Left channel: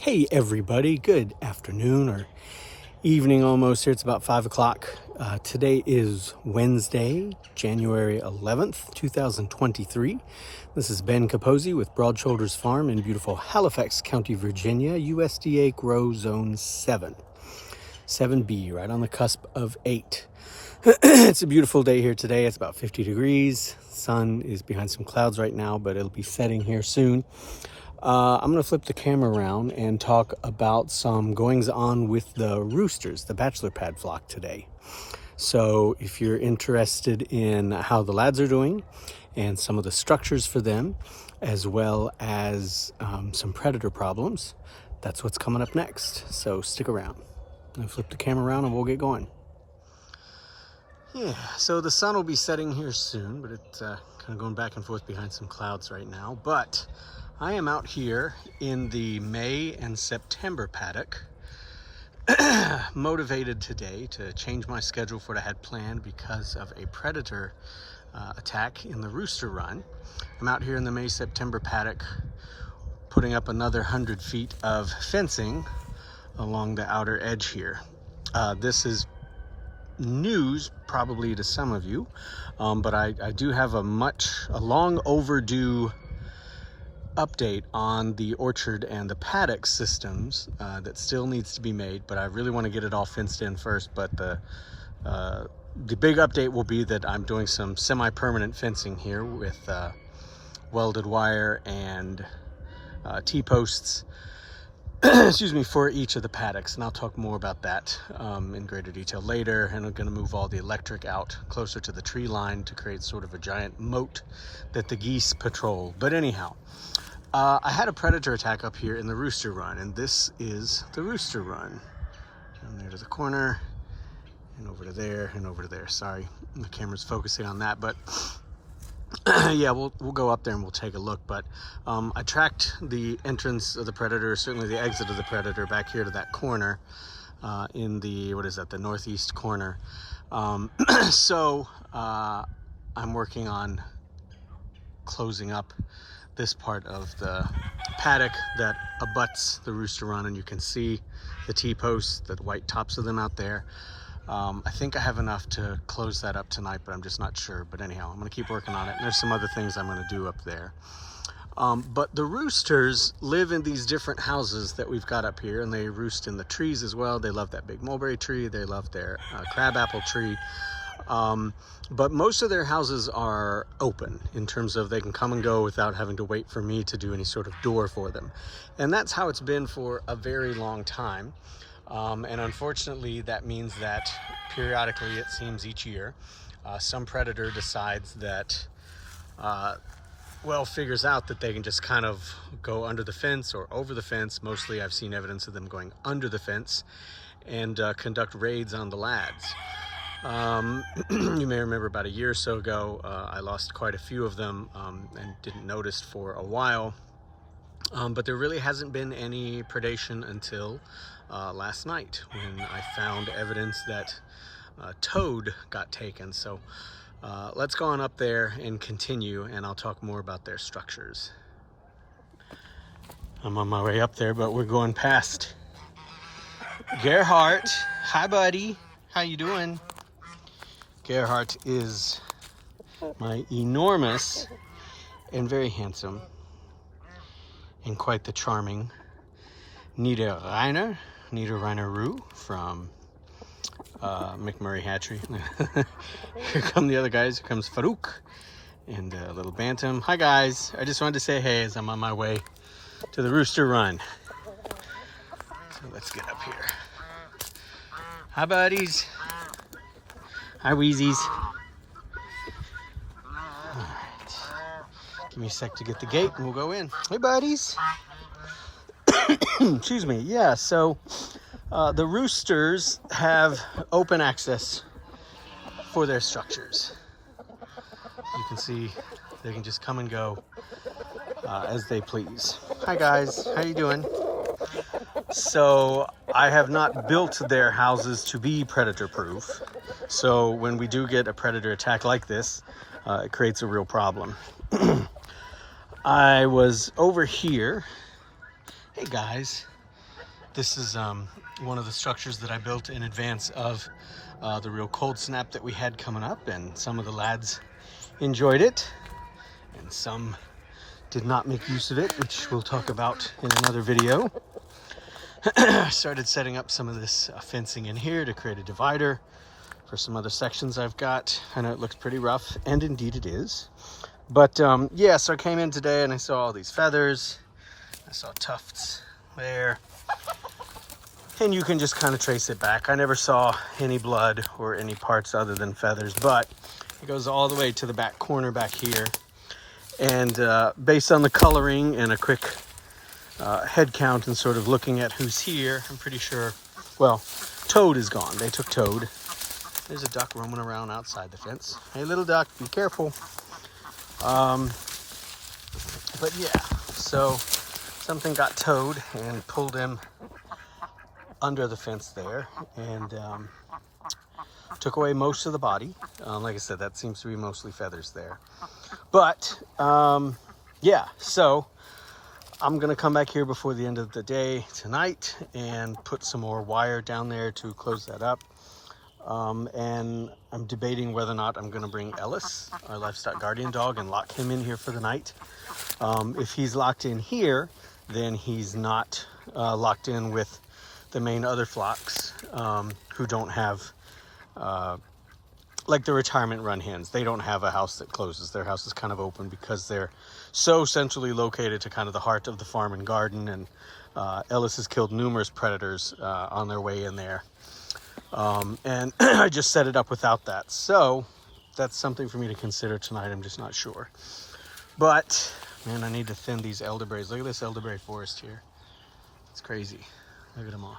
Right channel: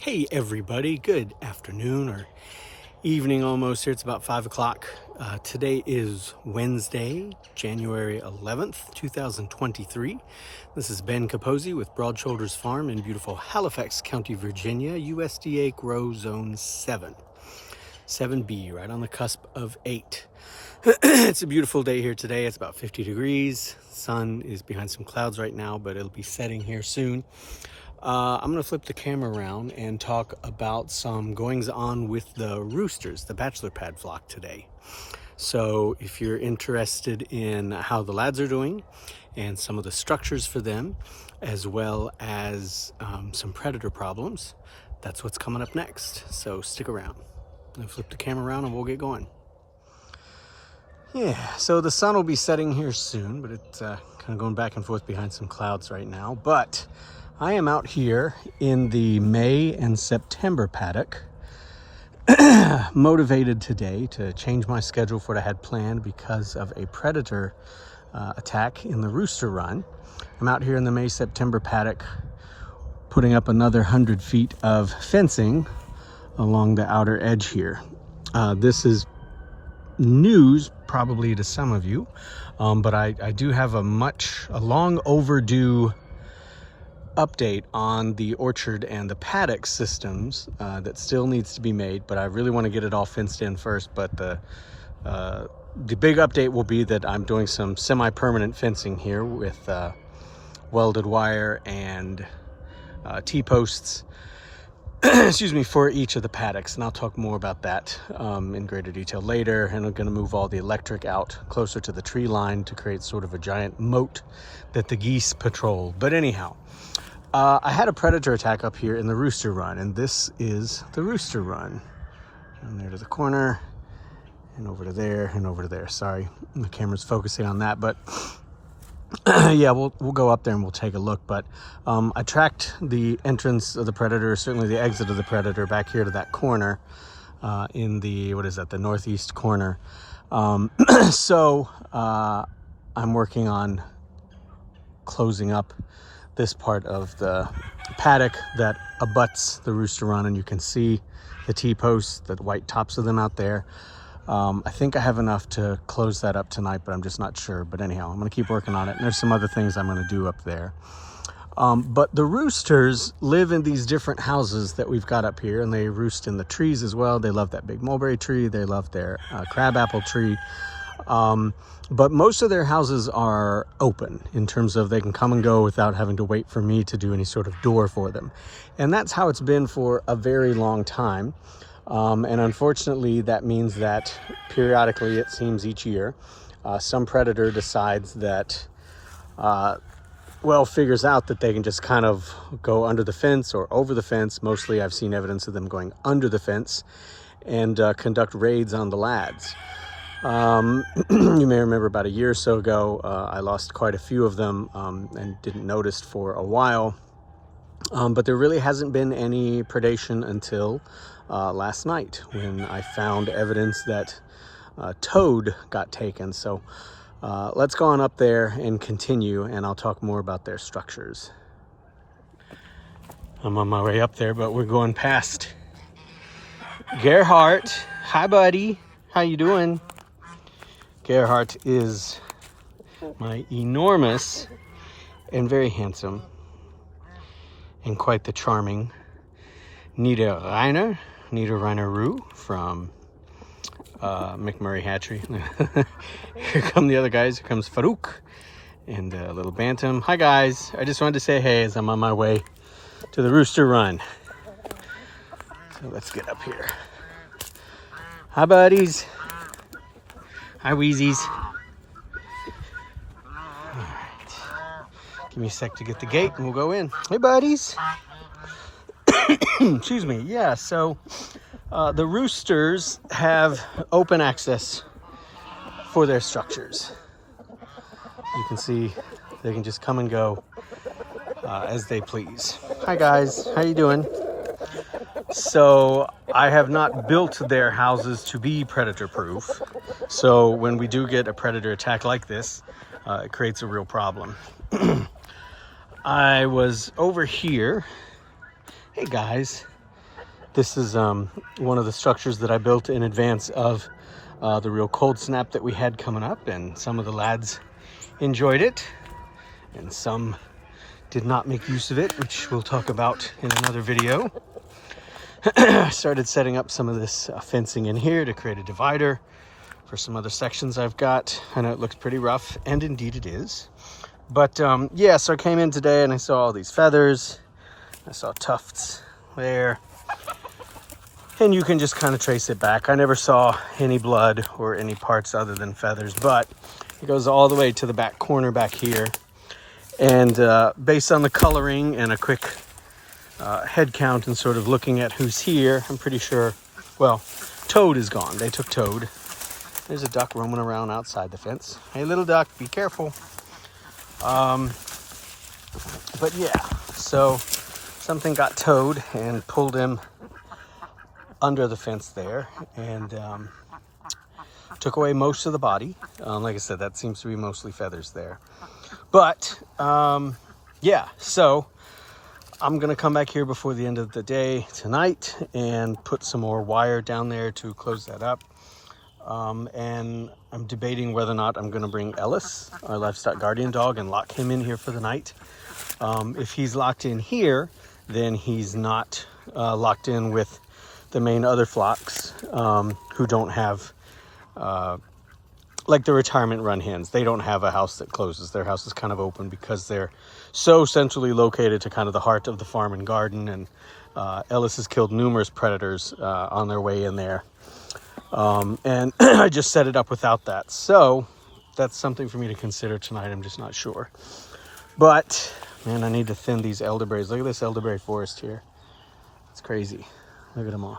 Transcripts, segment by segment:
Hey everybody, good afternoon or evening almost here. It's about 5 o'clock. Today is Wednesday, January 11th, 2023. This is Ben Capozzi with Broad Shoulders Farm in beautiful Halifax County, Virginia, USDA Grow Zone 7. 7B, right on the cusp of 8. It's a beautiful day here today. It's about 50 degrees. Sun is behind some clouds right now, but it'll be setting here soon. I'm going to flip the camera around and talk about some goings on with the roosters, the bachelor pad flock today. So if you're interested in how the lads are doing and some of the structures for them, as well as some predator problems, that's what's coming up next. So stick around. I'm going to flip the camera around and we'll get going. Yeah, so the sun will be setting here soon, but it's kind of going back and forth behind some clouds right now. But I am out here in the May and September paddock, motivated today to change my schedule for what I had planned because of a predator attack in the Rooster run. I'm out here in the May-September paddock putting up another 100 feet of fencing along the outer edge here. This is news probably to some of you, but I do have a long overdue update on the orchard and the paddock systems that still needs to be made, but I really want to get it all fenced in first. But the big update will be that I'm doing some semi-permanent fencing here with welded wire and T-posts excuse me, for each of the paddocks, and I'll talk more about that in greater detail later. And I'm going to move all the electric out closer to the tree line to create sort of a giant moat that the geese patrol. But anyhow, I had a predator attack up here in the Rooster run, and this is the Rooster run. Down there to the corner, and over to there, and over to there. Sorry, the camera's focusing on that, but yeah, we'll go up there and we'll take a look. But I tracked the entrance of the predator, certainly the exit of the predator, back here to that corner in the, the northeast corner. So I'm working on closing up this part of the paddock that abuts the Rooster run, and you can see the T-posts, the white tops of them out there. I think I have enough to close that up tonight, but I'm just not sure. But anyhow, I'm going to keep working on it, and there's some other things I'm going to do up there. But the roosters live in these different houses that we've got up here, and they roost in the trees as well. They love that big mulberry tree. They love their crabapple tree. But most of their houses are open in terms of they can come and go without having to wait for me to do any sort of door for them. And that's how it's been for a very long time. And unfortunately, that means that periodically, it seems each year, some predator decides that, figures out that they can just kind of go under the fence or over the fence. Mostly I've seen evidence of them going under the fence and conduct raids on the lads. You may remember about a year or so ago, I lost quite a few of them and didn't notice for a while. But there really hasn't been any predation until last night, when I found evidence that toad got taken. So let's go on up there and continue, and I'll talk more about their structures. I'm on my way up there, but we're going past Gerhardt. Hi, buddy. How you doing? Gerhardt is my enormous and very handsome and quite the charming Niederrheiner-Roo from McMurray Hatchery. Here come the other guys. Here comes Farouk and a little bantam. Hi guys, I just wanted to say hey as I'm on my way to the Rooster run. So let's get up here. Hi buddies. Hi Wheezies. All right, give me a sec to get the gate and we'll go in. Hey buddies. Excuse me. Yeah, so the roosters have open access for their structures. You can see they can just come and go as they please. Hi guys, how you doing? So I have not built their houses to be predator proof. So when we do get a predator attack like this, it creates a real problem. I was over here. Hey guys, This is one of the structures that I built in advance of the real cold snap that we had coming up, and some of the lads enjoyed it and some did not make use of it, which we'll talk about in another video. I started setting up some of this fencing in here to create a divider for some other sections I've got. I know it looks pretty rough, and indeed it is. But yeah, so I came in today and I saw all these feathers. I saw tufts there. And you can just kind of trace it back. I never saw any blood or any parts other than feathers, but it goes all the way to the back corner back here. And based on the coloring and a quick head count and sort of looking at who's here, I'm pretty sure, well, Toad is gone. They took Toad. There's a duck roaming around outside the fence. Hey, little duck, be careful. But yeah, so something got Toad and pulled him under the fence there and took away most of the body. Like I said, that seems to be mostly feathers there. But yeah, so I'm gonna come back here before the end of the day tonight and put some more wire down there to close that up. And I'm debating whether or not I'm gonna bring Ellis, our livestock guardian dog, and lock him in here for the night. If he's locked in here, then he's not locked in with the main other flocks who don't have, like the retirement run hens. They don't have a house that closes. Their house is kind of open because they're so centrally located to kind of the heart of the farm and garden. And Ellis has killed numerous predators on their way in there. And I just set it up without that. So that's something for me to consider tonight. I'm just not sure. But man, I need to thin these elderberries. Look at this elderberry forest here. It's crazy. Look at them all.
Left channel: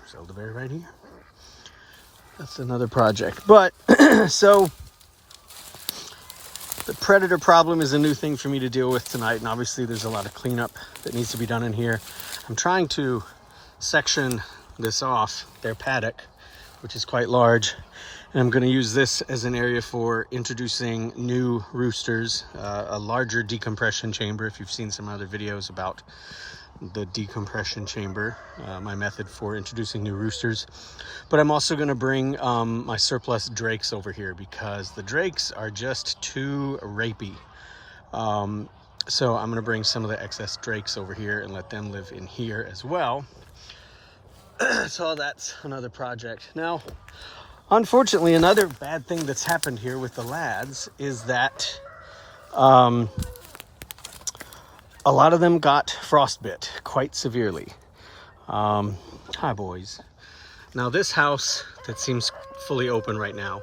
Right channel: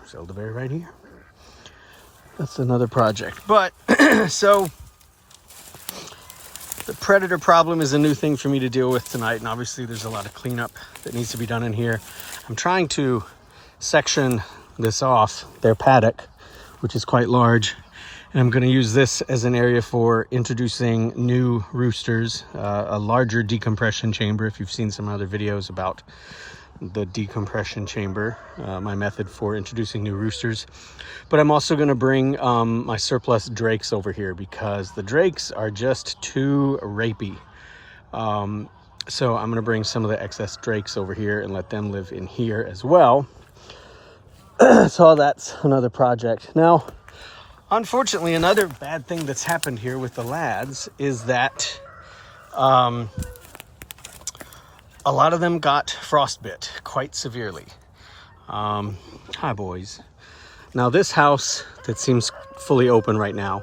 There's elderberry right here. That's another project. But so the predator problem is a new thing for me to deal with tonight. And obviously there's a lot of cleanup that needs to be done in here. I'm trying to section this off, their paddock, which is quite large. And I'm going to use this as an area for introducing new roosters, a larger decompression chamber. If you've seen some other videos about the decompression chamber, my method for introducing new roosters. But I'm also going to bring my surplus drakes over here because the drakes are just too rapey. So I'm going to bring some of the excess drakes over here and let them live in here as well. So that's another project. Now, unfortunately, another bad thing that's happened here with the lads is that a lot of them got frostbit quite severely. Hi, boys. Now, this house that seems fully open right now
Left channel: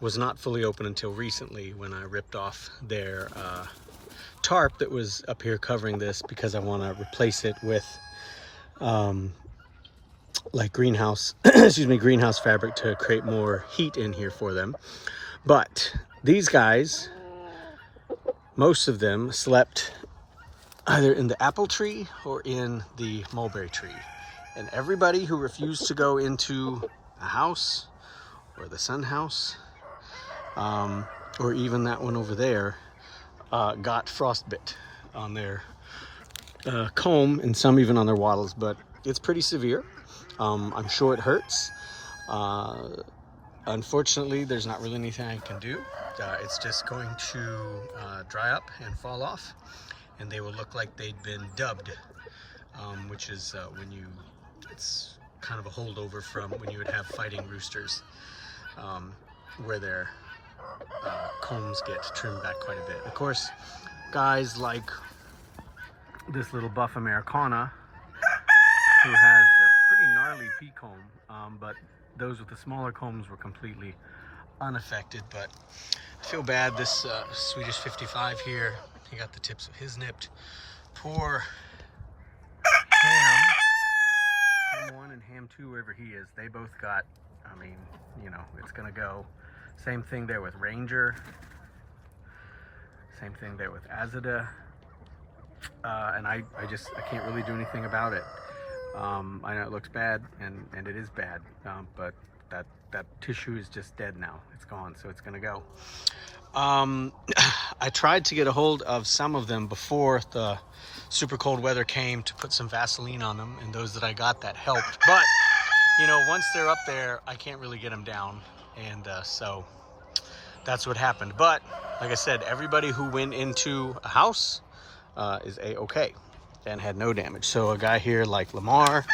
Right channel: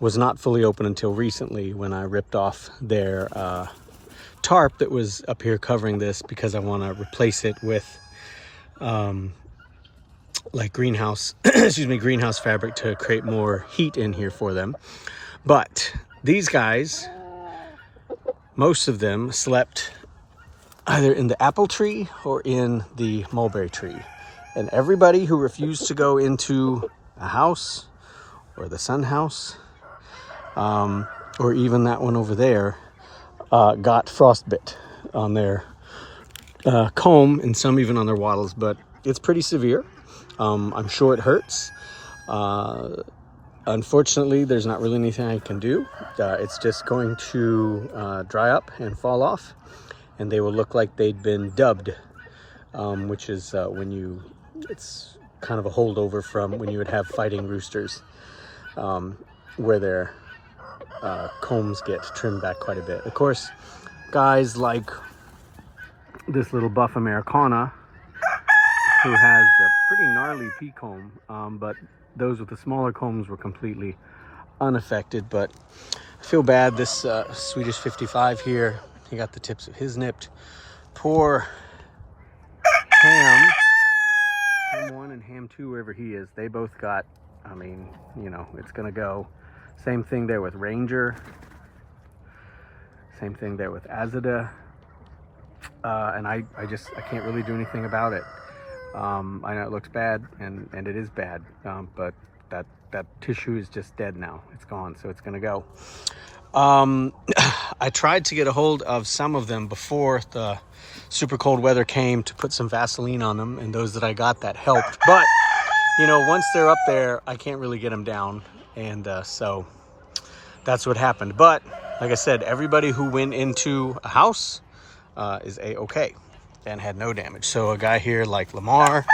was not fully open until recently when I ripped off their tarp that was up here covering this because I want to replace it with like greenhouse, excuse me, greenhouse fabric to create more heat in here for them. But these guys, most of them slept either in the apple tree or in the mulberry tree. And everybody who refused to go into a house or the sun house, or even that one over there, got frostbit on their comb and some even on their wattles, but it's pretty severe. I'm sure it hurts. Unfortunately, there's not really anything I can do. It's just going to dry up and fall off, and they will look like they'd been dubbed, which is when it's kind of a holdover from when you would have fighting roosters, where their combs get trimmed back quite a bit. Of course, guys like this little buff Americana, who has a pretty gnarly pea comb, but those with the smaller combs were completely unaffected. But I feel bad. This Swedish 55 here, he got the tips of his nipped. Poor Ham 1 and Ham 2, wherever he is, they both got, I mean, you know, it's gonna go. Same thing there with Ranger. Same thing there with Azada. And I can't really do anything about it. I know it looks bad, and it is bad, but that tissue is just dead now. It's gone, so it's gonna go. I tried to get a hold of some of them before the super cold weather came, to put some Vaseline on them, and those that I got, that helped. But you know, once they're up there, I can't really get them down, and so that's what happened. But like I said, everybody who went into a house is a-okay and had no damage. So a guy here like Lamar,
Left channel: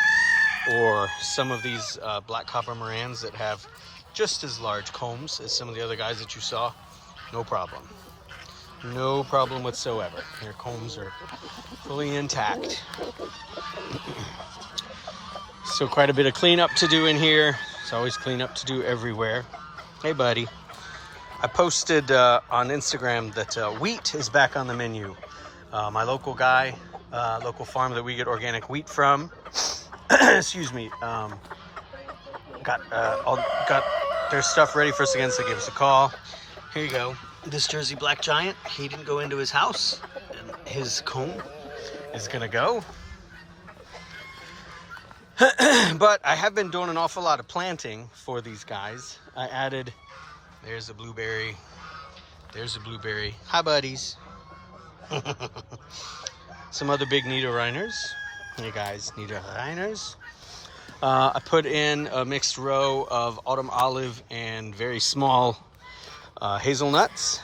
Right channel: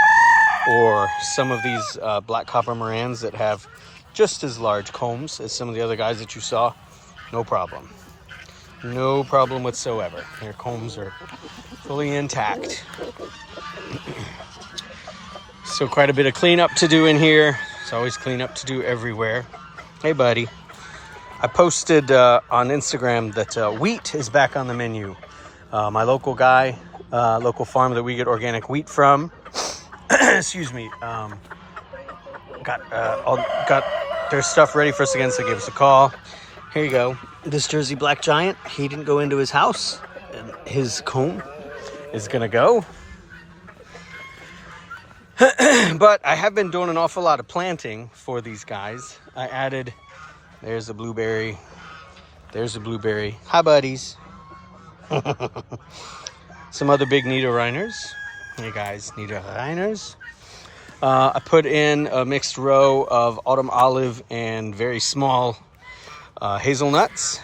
or some of these black copper Morans that have just as large combs as some of the other guys that you saw, no problem. No problem whatsoever. Their combs are fully intact. So quite a bit of cleanup to do in here. There's always cleanup to do everywhere. Hey, buddy. I posted on Instagram that wheat is back on the menu. My local guy, local farm that we get organic wheat from, excuse me, got their stuff ready for us again, so give us a call. Here you go. This Jersey Black Giant, he didn't go into his house, and his comb is gonna go. But I have been doing an awful lot of planting for these guys. I added, there's a blueberry, there's a blueberry. Hi, buddies. Some other big Niederrheiners. Hey guys, Niederrheiners. I put in a mixed row of autumn olive and very small hazelnuts.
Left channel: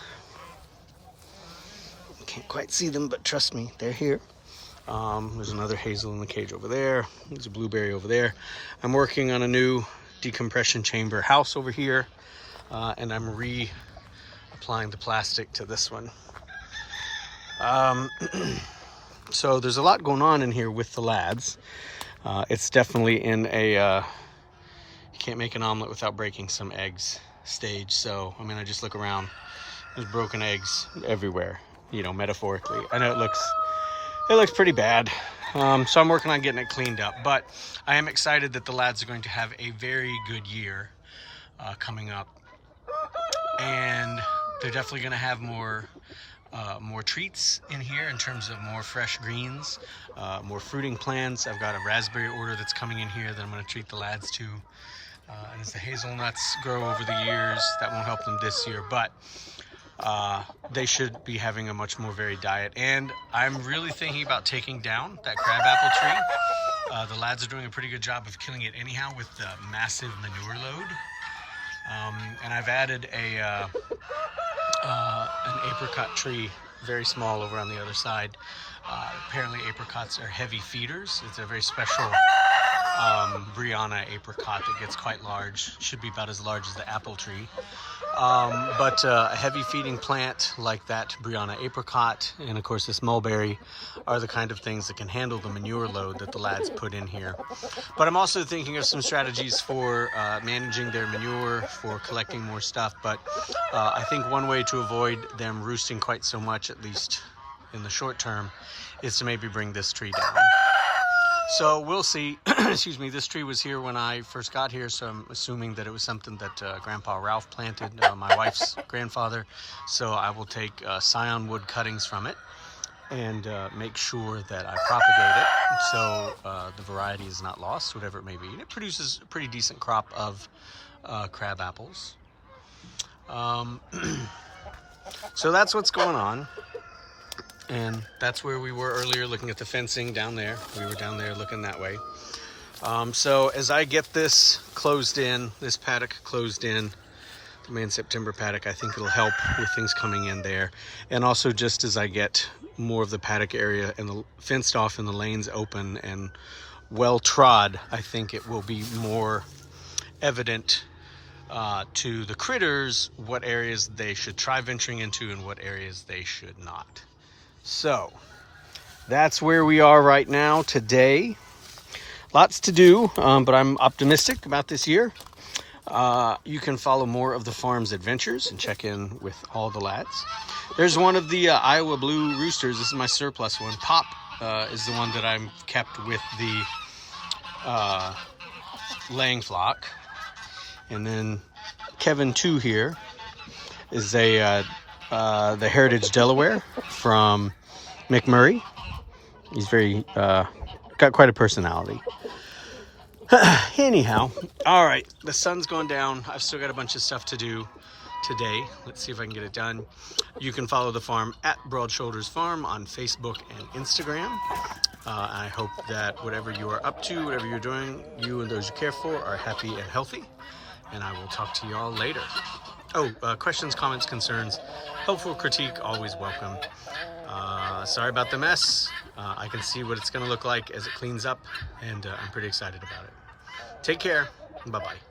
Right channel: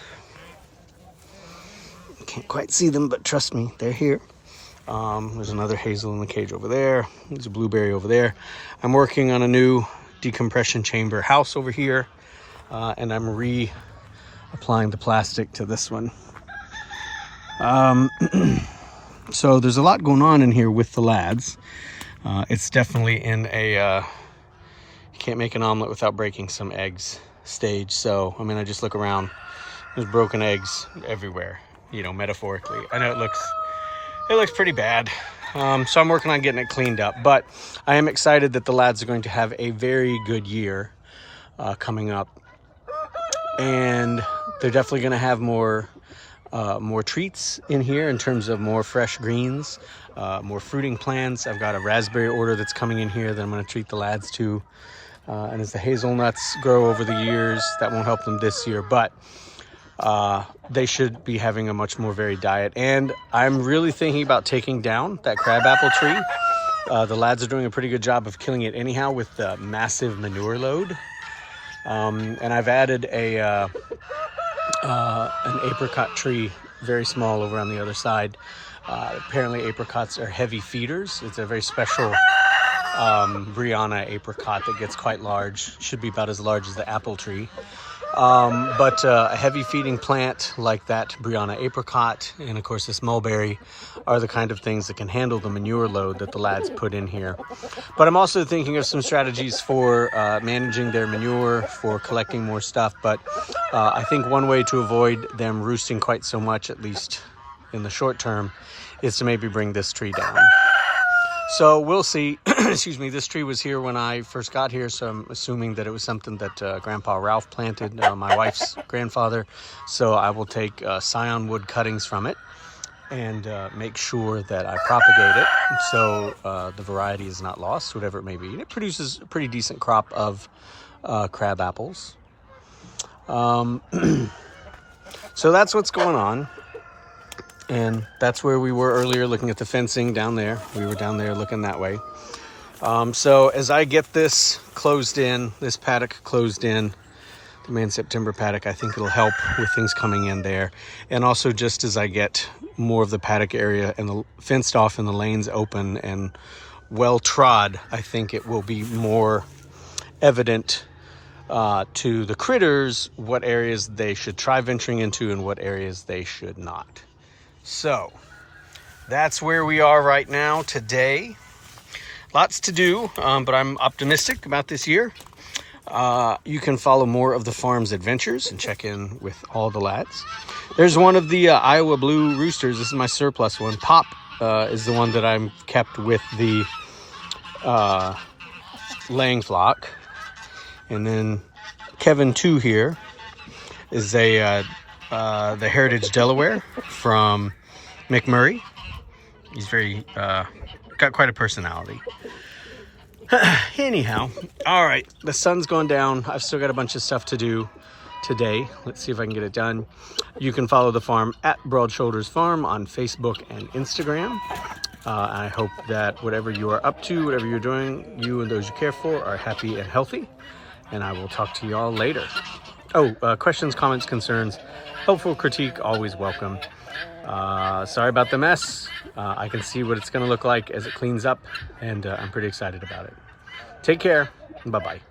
Can't quite see them, but trust me, they're here. There's another hazel in the cage over there. There's a blueberry over there. I'm working on a new decompression chamber house over here, and I'm applying the plastic to this one. So there's a lot going on in here with the lads. It's definitely in a you can't make an omelet without breaking some eggs stage. So I mean, I just look around, there's broken eggs everywhere, you know, metaphorically. I know it looks pretty bad. So I'm working on getting it cleaned up, but I am excited that the lads are going to have a very good year coming up, and they're definitely going to have more treats in here in terms of more fresh greens, more fruiting plants. I've got a raspberry order that's coming in here that I'm going to treat the lads to, and as the hazelnuts grow over the years, that won't help them this year, but they should be having a much more varied diet. And I'm really thinking about taking down that crabapple tree. The lads are doing a pretty good job of killing it anyhow with the massive manure load. And I've added an apricot tree, very small, over on the other side. Apparently apricots are heavy feeders. It's a very special Brianna apricot that gets quite large. Should be about as large as the apple tree. But a heavy feeding plant like that Brianna apricot, and of course this mulberry, are the kind of things that can handle the manure load that the lads put in here. But I'm also thinking of some strategies for managing their manure, for collecting more stuff. But I think one way to avoid them roosting quite so much, at least in the short term, is to maybe bring this tree down. So we'll see. Excuse me, this tree was here when I first got here, so I'm assuming that it was something that Grandpa Ralph planted, my wife's grandfather. So I will take scion wood cuttings from it and make sure that I propagate it so the variety is not lost, whatever it may be. It produces a pretty decent crop of crab apples. So that's what's going on. And that's where we were earlier, looking at the fencing down there. We were down there looking that way. So as I get this closed in, this paddock closed in, the May and September paddock, I think it'll help with things coming in there. And also just as I get more of the paddock area and the fenced off and the lanes open and well trod, I think it will be more evident to the critters what areas they should try venturing into and what areas they should not. So that's where we are right now today. Lots to do, but I'm optimistic about this year. You can follow more of the farm's adventures and check in with all the lads. There's one of the Iowa Blue Roosters. This is my surplus one. Pop is the one that I'm kept with the laying flock. And then Kevin 2 here is the Heritage Delaware from McMurray. He's very got quite a personality. Anyhow, all right, the sun's going down. I've still got a bunch of stuff to do. today. Let's see if I can get it done. You can follow the farm at Broad Shoulders Farm on Facebook and Instagram. I hope that whatever you are up to, whatever you're doing, you and those you care for are happy and healthy. And I will talk to y'all later. Oh, questions, comments, concerns, helpful critique, always welcome. Sorry about the mess. I can see what it's going to look like as it cleans up, and I'm pretty excited about it. Take care. Bye-bye.